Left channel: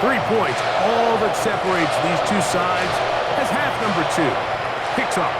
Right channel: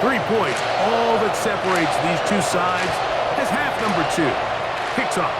3 points, all that separates these two sides as half number 2 kicks off.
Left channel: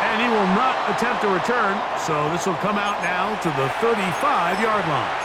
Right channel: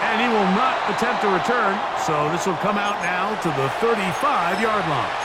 And he will not attempt a return, so this will come out now to the 35-yard line.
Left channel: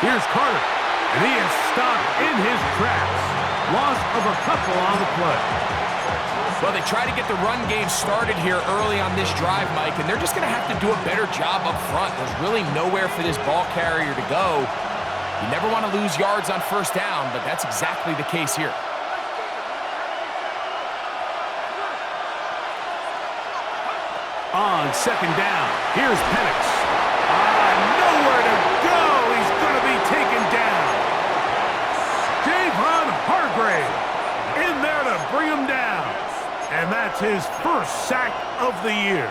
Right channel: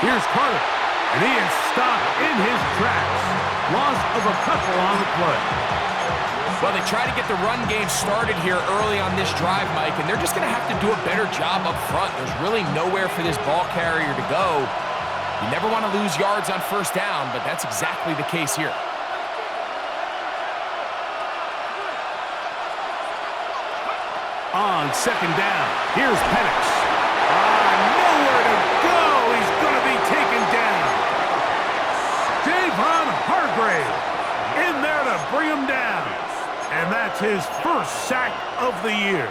Here's Carter, and he is stopped in his tracks. Loss of a couple on the play. Well, they try to get the run game started here early on this drive, Mike, and they're just going to have to do a better job up front. There's really nowhere for this ball carrier to go. You never want to lose yards on first down, but that's exactly the case here. On second down, here's Penix. Nowhere to go. He's going to be taken down. Javon Hargrave in there to bring him down. And that's his first sack of the year.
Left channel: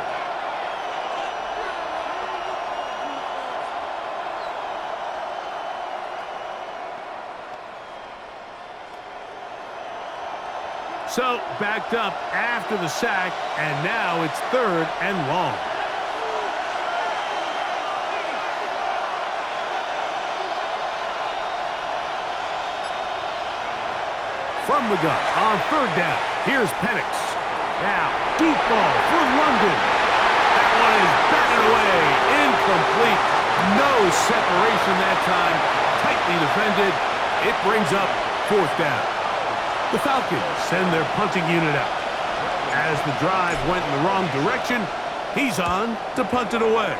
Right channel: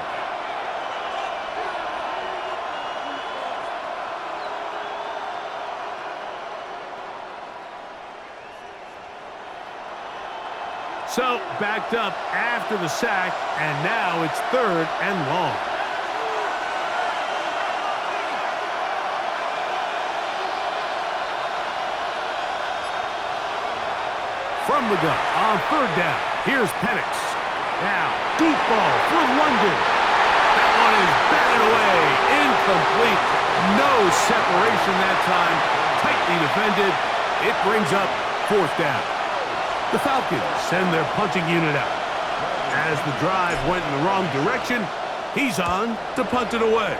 So, backed up after the sack, and now it's 3rd and long. From the gun on 3rd down, here's Penix. Now, deep ball for London. That one is batted away, incomplete. No separation that time, tightly defended. It brings up 4th down. The Falcons send their punting unit out. As the drive went in the wrong direction, he's on to punt it away.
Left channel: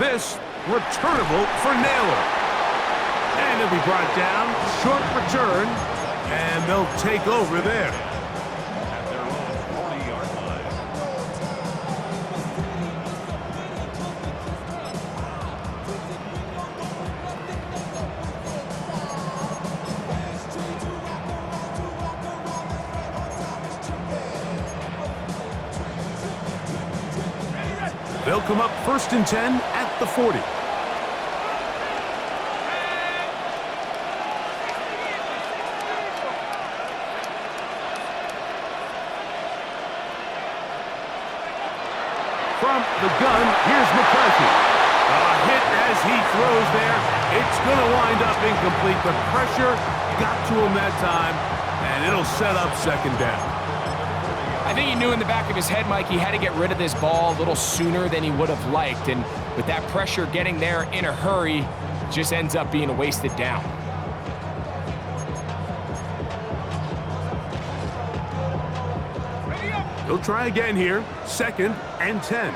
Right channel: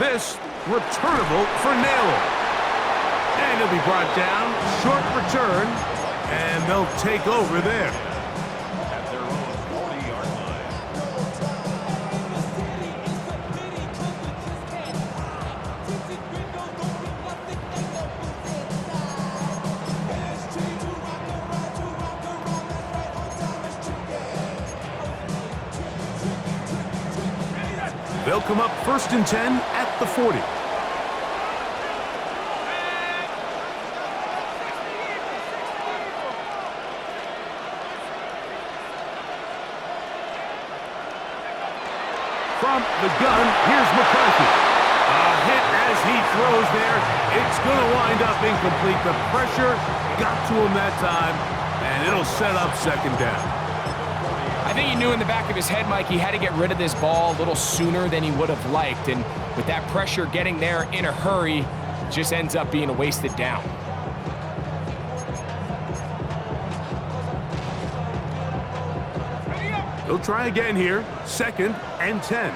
This returnable for Naylor. And he'll be brought down, short return, and they'll take over there. At their own 40-yard line. They'll come up 1st and 10 at the 40. From the gun, here's McCarthy. A hit as he throws there. It's going to wind up incomplete. The pressure got to him that time, and it'll set up 2nd down. I think he knew in the back of his head, Mike, he had to get rid of this ball a little sooner than he would have liked. And with that pressure getting there in a hurry, it just ends up being a wasted down. He'll try again here, 2nd and 10.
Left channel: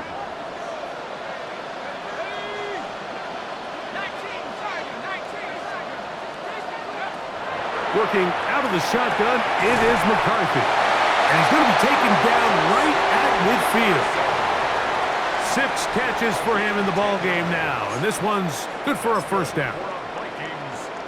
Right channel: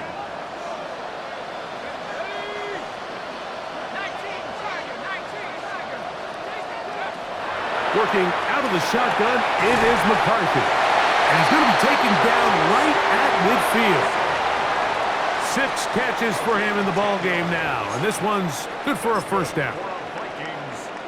Working out of the shotgun, it is McCarthy. And he's going to be taken down right at midfield. 6 catches for him in the ball game now, and this one's good for a 1st down.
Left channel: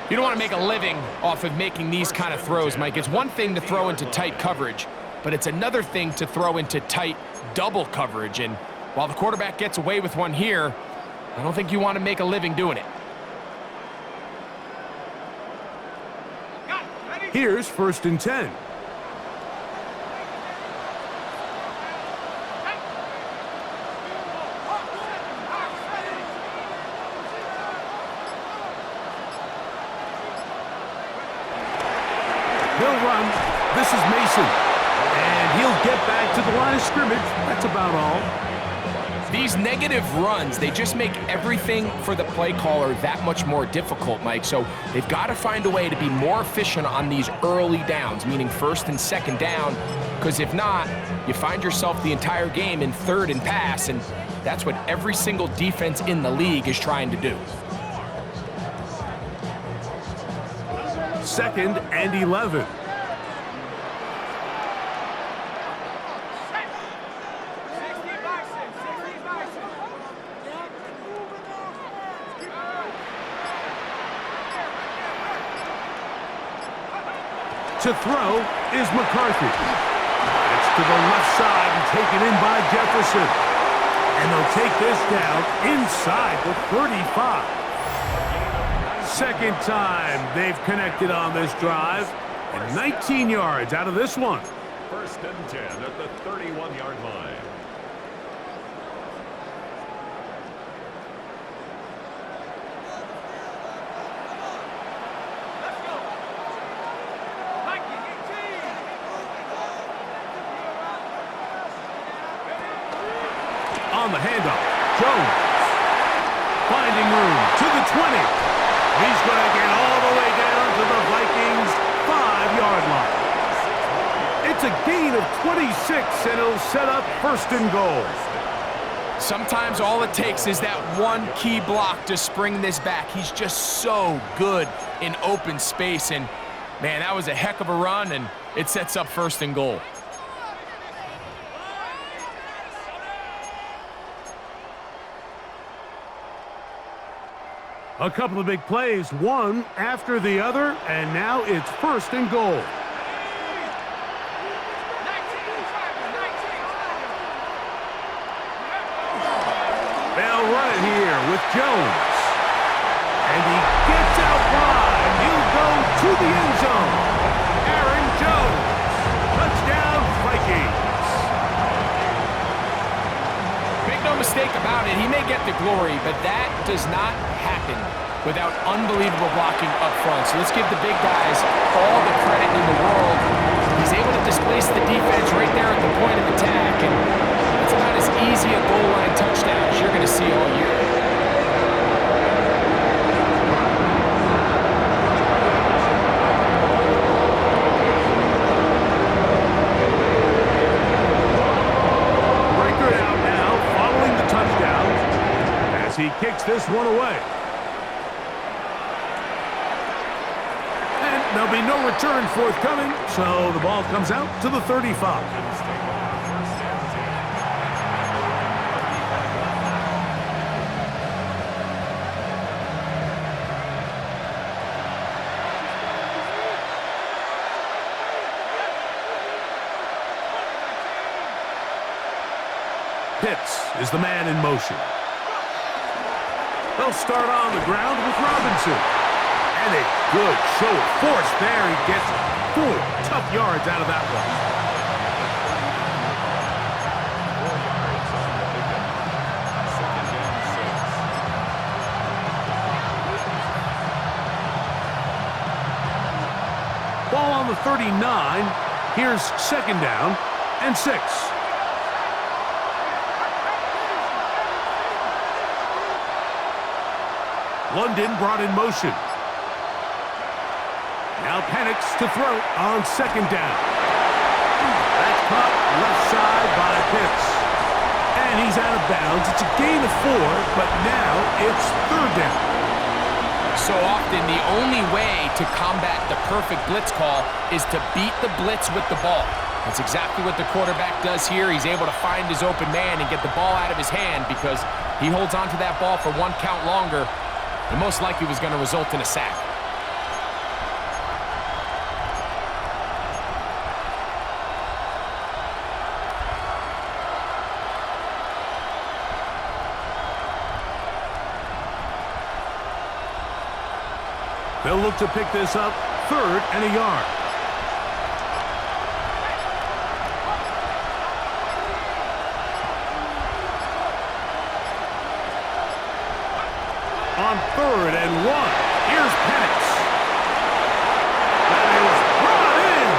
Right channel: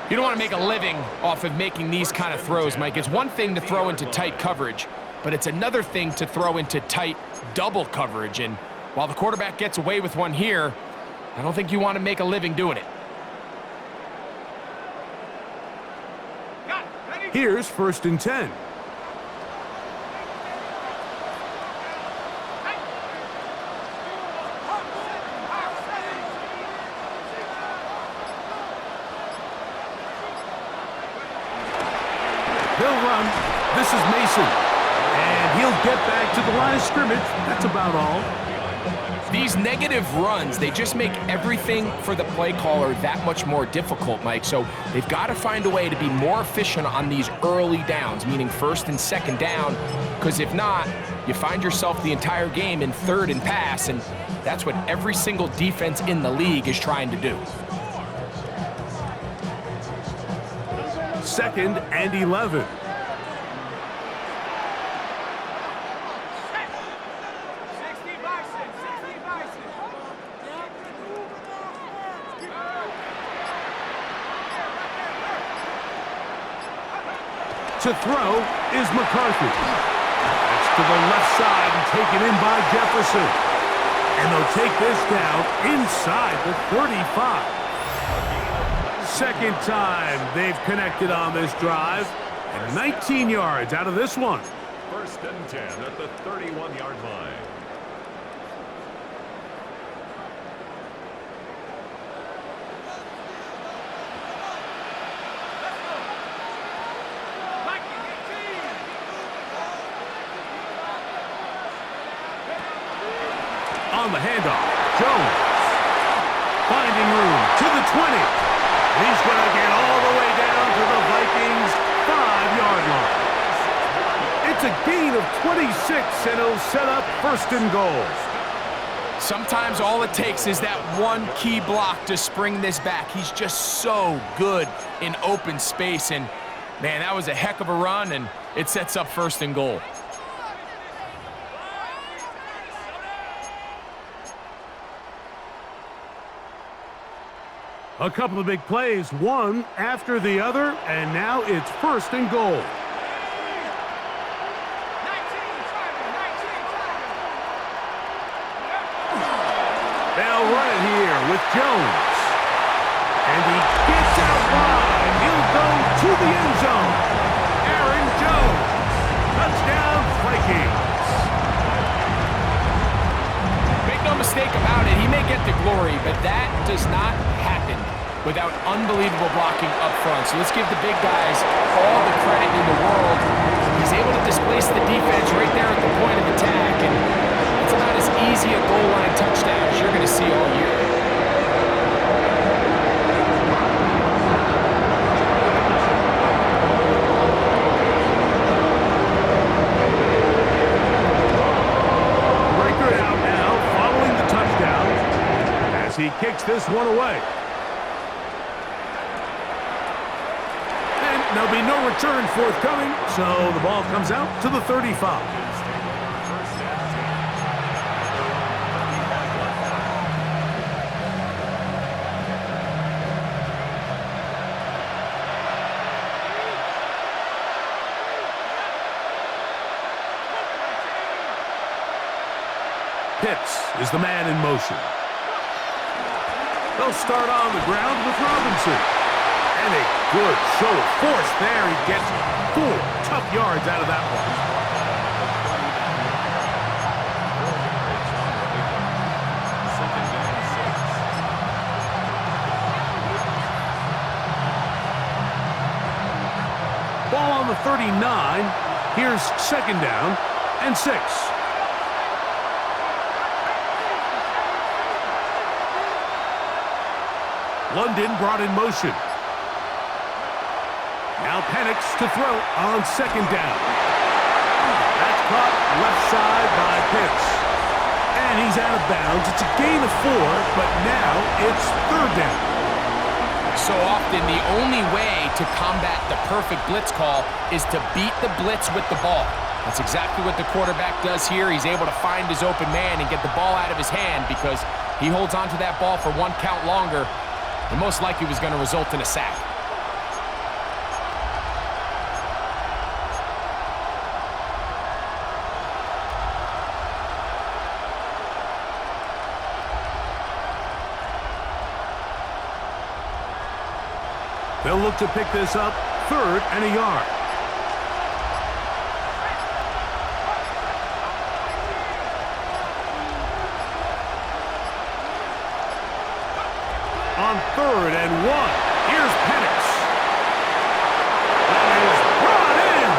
You don't want to make a living off of making these kind of throws, Mike. It's one thing to throw into tight coverage, but it's another thing to throw into tight double coverage. And while the quarterback gets away with one here, I don't think you want to make a living doing it. Here's 1st and 10. They'll run. This is Mason. And he'll get back to the line of scrimmage. That's about all. These negative runs, they just make everything for the play caller that much more difficult, Mike. So they've got to find a way to be more efficient on these early downs, meaning 1st and 2nd down, because if not, you find yourself the entire game in 3rd and pass, and that's what every single defense in the league is trying to do. 2nd and 11. To throw is McCarthy. That's to the left side and taken in by Jefferson. And they'll take this down inside the 35. Second time they've connected on this drive. And 19 yards out of this one. First and 10 at the 31-yard line. On the handoff, Jones finding room to the 20. He's going to get all the way down to the Vikings' 5-yard line. It's a gain of 26, and it'll set up first and goal. Sometimes all it takes is that one key block to spring this back. He's just so good in open space, and man, that was a heck of a run, and it sets up first and goal. A couple of big plays, one after the other, and now it's first and goal. They'll run it here with Jones. And he gets out wide. He'll go to the end zone. Aaron Jones. Touchdown, Vikings. Make no mistake about it, he may get the glory, but that does not happen without unbelievable blocking up front. So let's give the big guys all the credit in the world. He's able to displace the defense right there at the point of attack, and it's about as easy a goal line touchdown as you're going to see all year. Breaker out now, following the touchdown, as he kicks this one away. And there'll be no return forthcoming, so the ball comes out to the 35. Pitts is the man in motion. They'll start on the ground with Robinson. And a good show of force there. He gets 4 tough yards out of that one. 4 yards on the pickup. Second and 6. Ball on the 39. Here's second down and 6. London brought in motion. Now Penix to throw on second down. That's caught left side by Pitts. And he's out of bounds. It's a gain of 4, but now it's third down. So often, the only way to combat the perfect blitz call is to beat the blitz with the ball. That's exactly what the quarterback does here. He's able to find his open man and get the ball out of his hand because he holds onto that ball for 1 count longer. And most likely was going to result in a sack. They'll look to pick this up, 3rd and a yard. On 3rd and 1, here's Penix. That is brought in,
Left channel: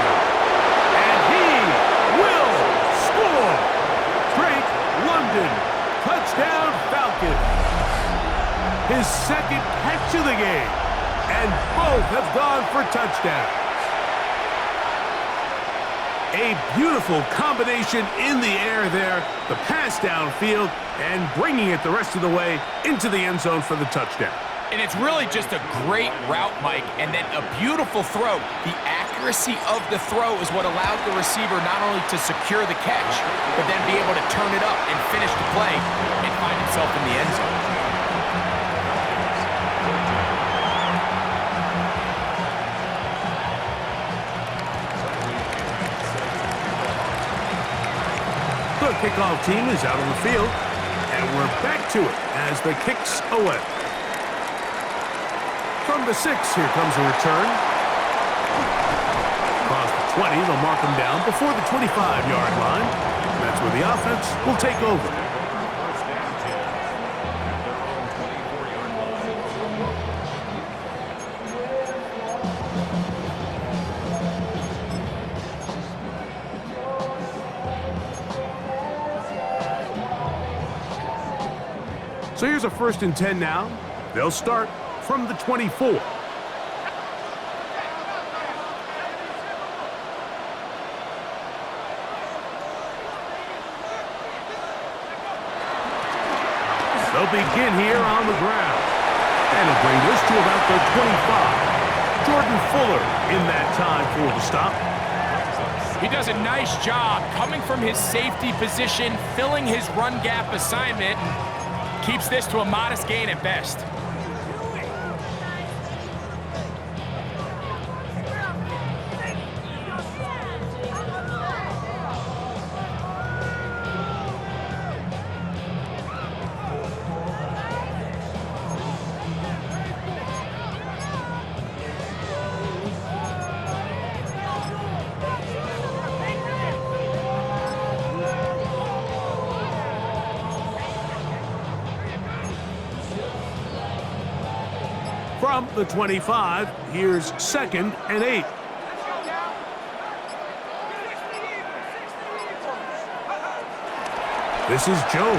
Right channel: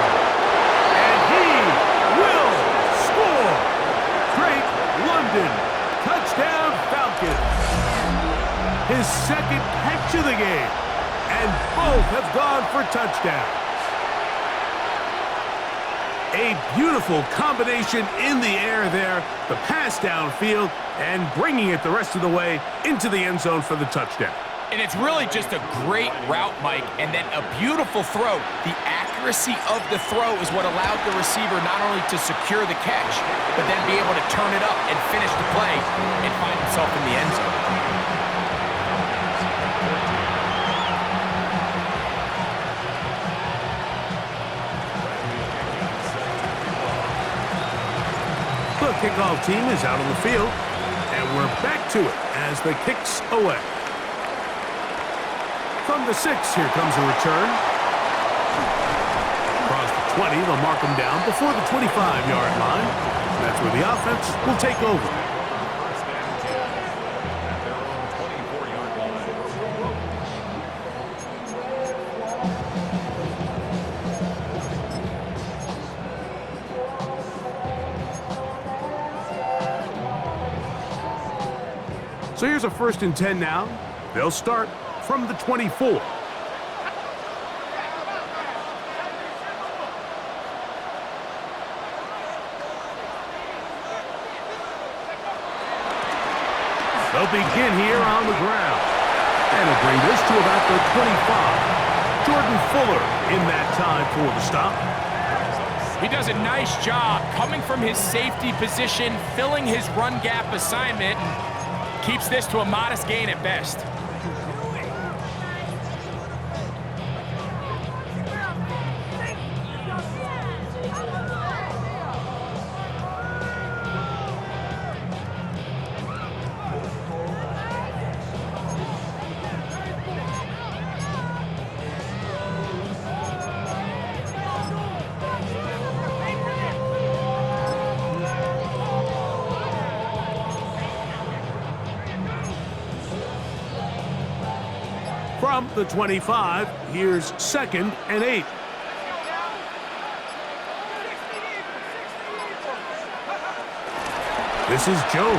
and he will score. Drake London, touchdown Falcons. His second catch of the game, and both have gone for touchdowns. A beautiful combination in the air there, the pass downfield, and bringing it the rest of the way into the end zone for the touchdown. And it's really just a great route, Mike, and then a beautiful throw. The accuracy of the throw is what allowed the receiver not only to secure the catch, but then be able to turn it up and finish the play and find himself in the end zone. kickoff team is out on the field, and we're back to it as the kick's away. From the 6, here comes a return. Across the 20, they'll mark them down before the 25-yard line. That's where the offense will take over. First and 10 at their own 24-yard line. So here's a 1st and 10 now. They'll start from the 24. They'll begin here on the ground. And he'll bring this to about the 25. Jordan Fuller in that time for the stop. He does a nice job coming from his safety position, filling his run gap assignment, and keeps this to a modest gain at best. From the 25, here's 2nd and 8. This is Jones.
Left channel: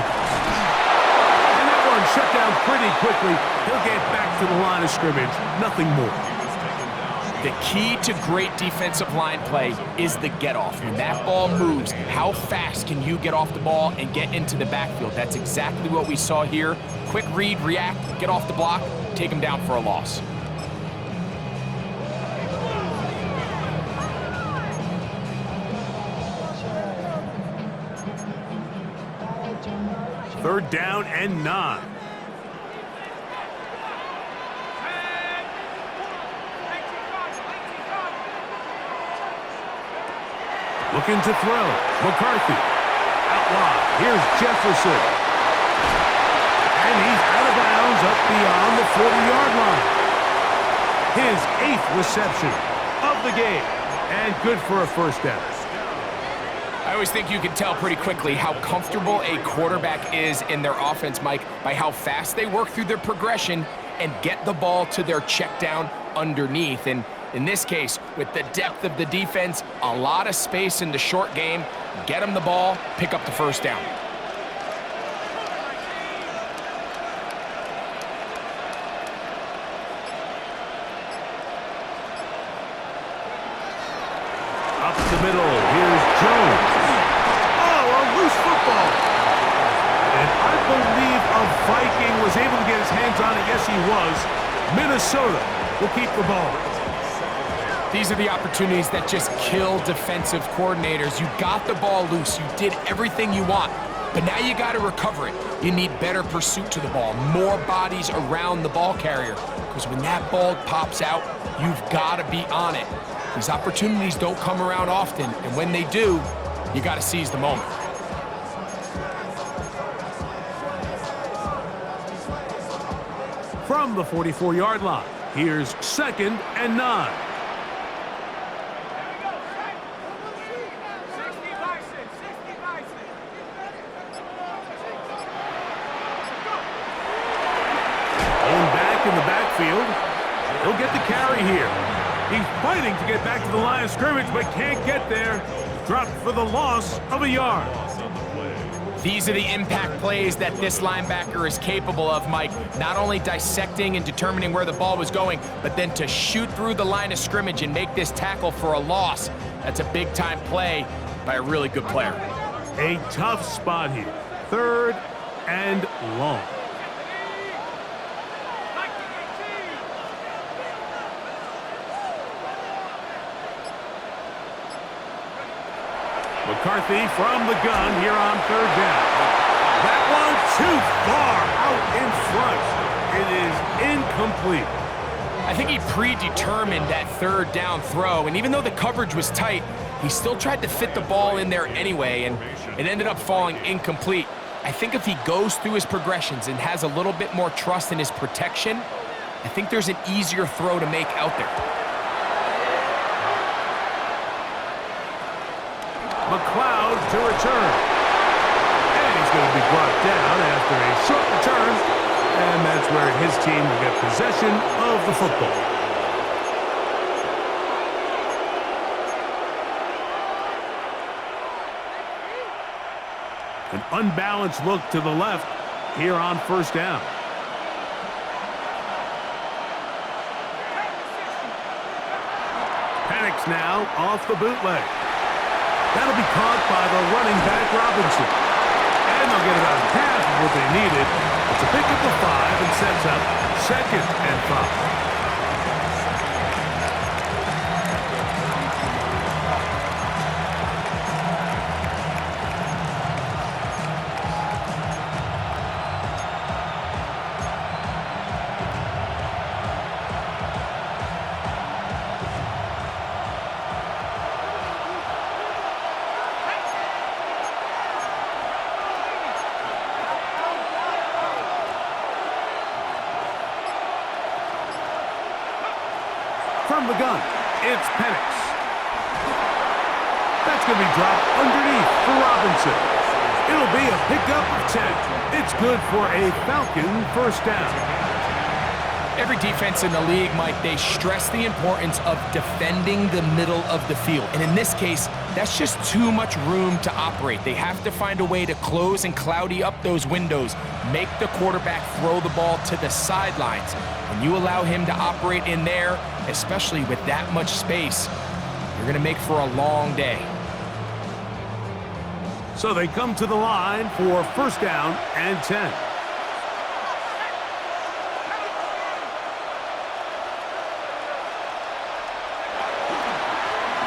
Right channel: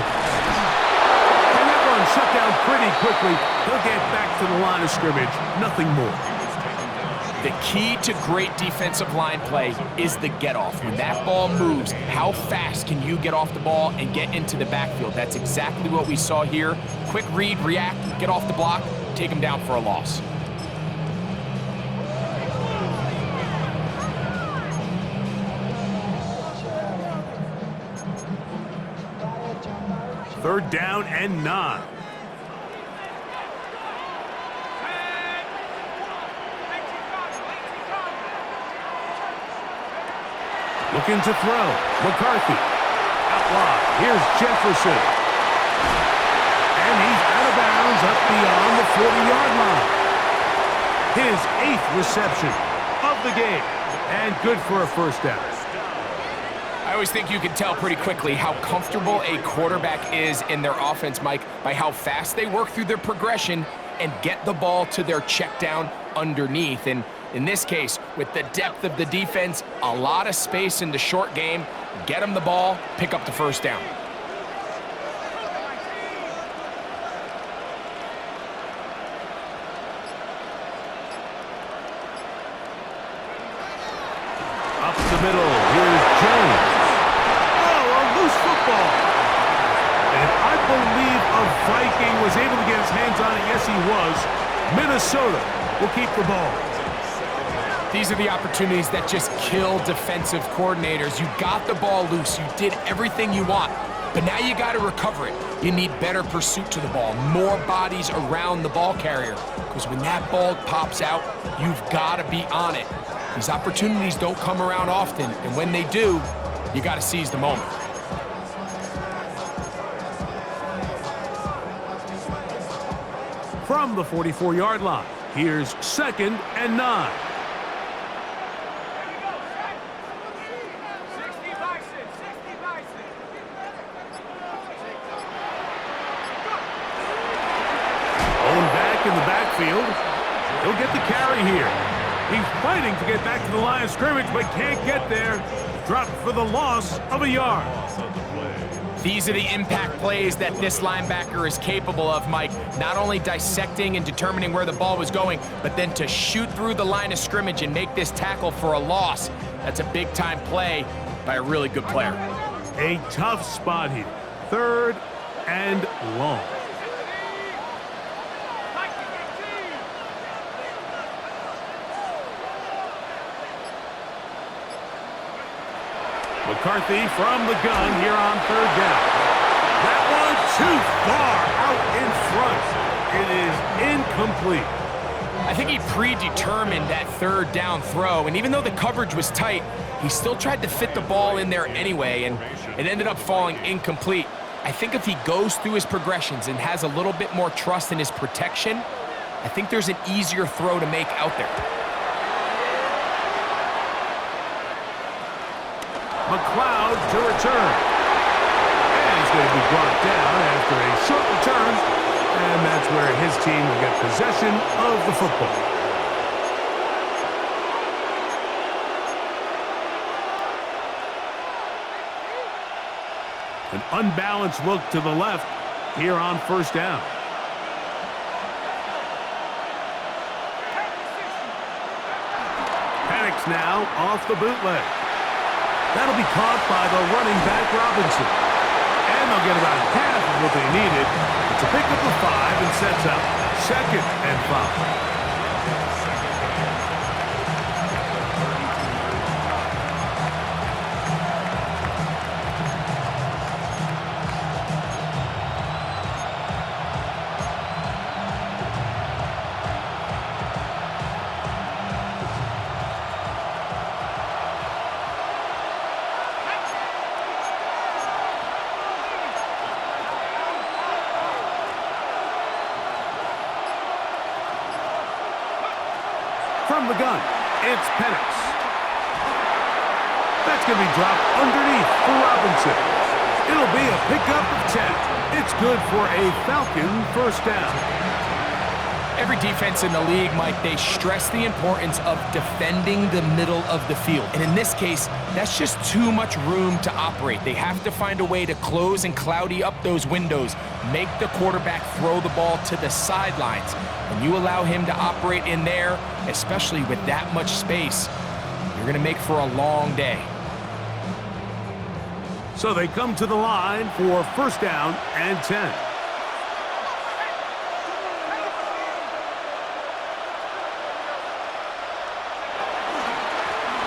And that one shut down pretty quickly. He'll get back to the line of scrimmage. Nothing more. The key to great defensive line play is the get-off. When that ball moves, how fast can you get off the ball and get into the backfield? That's exactly what we saw here. Quick read, react, get off the block, take him down for a loss. Third down and 9. Looking to throw. McCarthy. Out wide. Here's Jefferson. And he's out of bounds up beyond the 40-yard line. His 8th reception of the game. And good for a first down. I always think you can tell pretty quickly how comfortable a quarterback is in their offense, Mike, by how fast they work through their progression and get the ball to their check down underneath. And in this case, with the depth of the defense, a lot of space in the short game, get them the ball, pick up the first down. Up the middle, here's Jones. Oh, a loose football. And I believe a Viking was able to get his hands on it. Yes, he was. Minnesota will keep the ball. These are the opportunities that just kill defensive coordinators. You got the ball loose. You did everything you want. But now you got to recover it. You need better pursuit to the ball, more bodies around the ball carrier. Because when that ball pops out, you've got to be on it. These opportunities don't come around often, and when they do, you got to seize the moment. From the 44-yard line, here's 2nd and 9. Owen back in the backfield. He'll get the carry here. He's fighting to get back to the line of scrimmage, but can't get there. Dropped for the loss of a yard. These are the impact plays that this linebacker is capable of, Mike. Not only dissecting and determining where the ball was going, but then to shoot through the line of scrimmage and make this tackle for a loss. That's a big-time play by a really good player. A tough spot here. 3rd and long. McCarthy from the gun here on 3rd down. That one too far out in front. It is incomplete. I think he predetermined that third down throw, and even though the coverage was tight, he still tried to fit the ball in there anyway, and it ended up falling incomplete. I think if he goes through his progressions and has a little bit more trust in his protection, I think there's an easier throw to make out there. McLeod to return. And he's going to be brought down after a short return. And that's where his team will get possession of the football. An unbalanced look to the left here on first down. Penix now off the bootleg. That'll be caught by the running back Robinson. And they'll get about half of what they needed. It's a pickup of 5 and sets up 2nd and 5. From the gun, it's Penix. That's going to be dropped underneath for Robinson. It'll be a pickup of 10. It's good for a Falcon first down. Every defense in the league, Mike, they stress the importance of defending the middle of the field. And in this case, that's just too much room to operate. They have to find a way to close and cloudy up those windows, make the quarterback throw the ball to the sidelines. When you allow him to operate in there, especially with that much space, you're going to make for a long day. So they come to the line for first down and 10.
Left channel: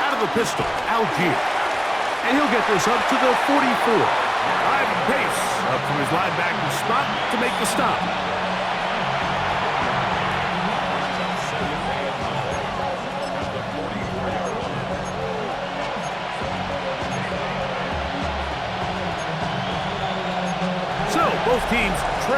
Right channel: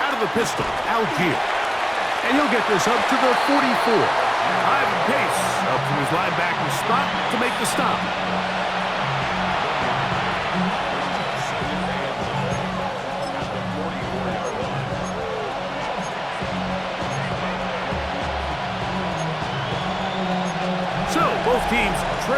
Out of the pistol, Algier. And he'll get this up to the 44. Ivan Pace up from his linebacker spot to make the stop. So both teams trade.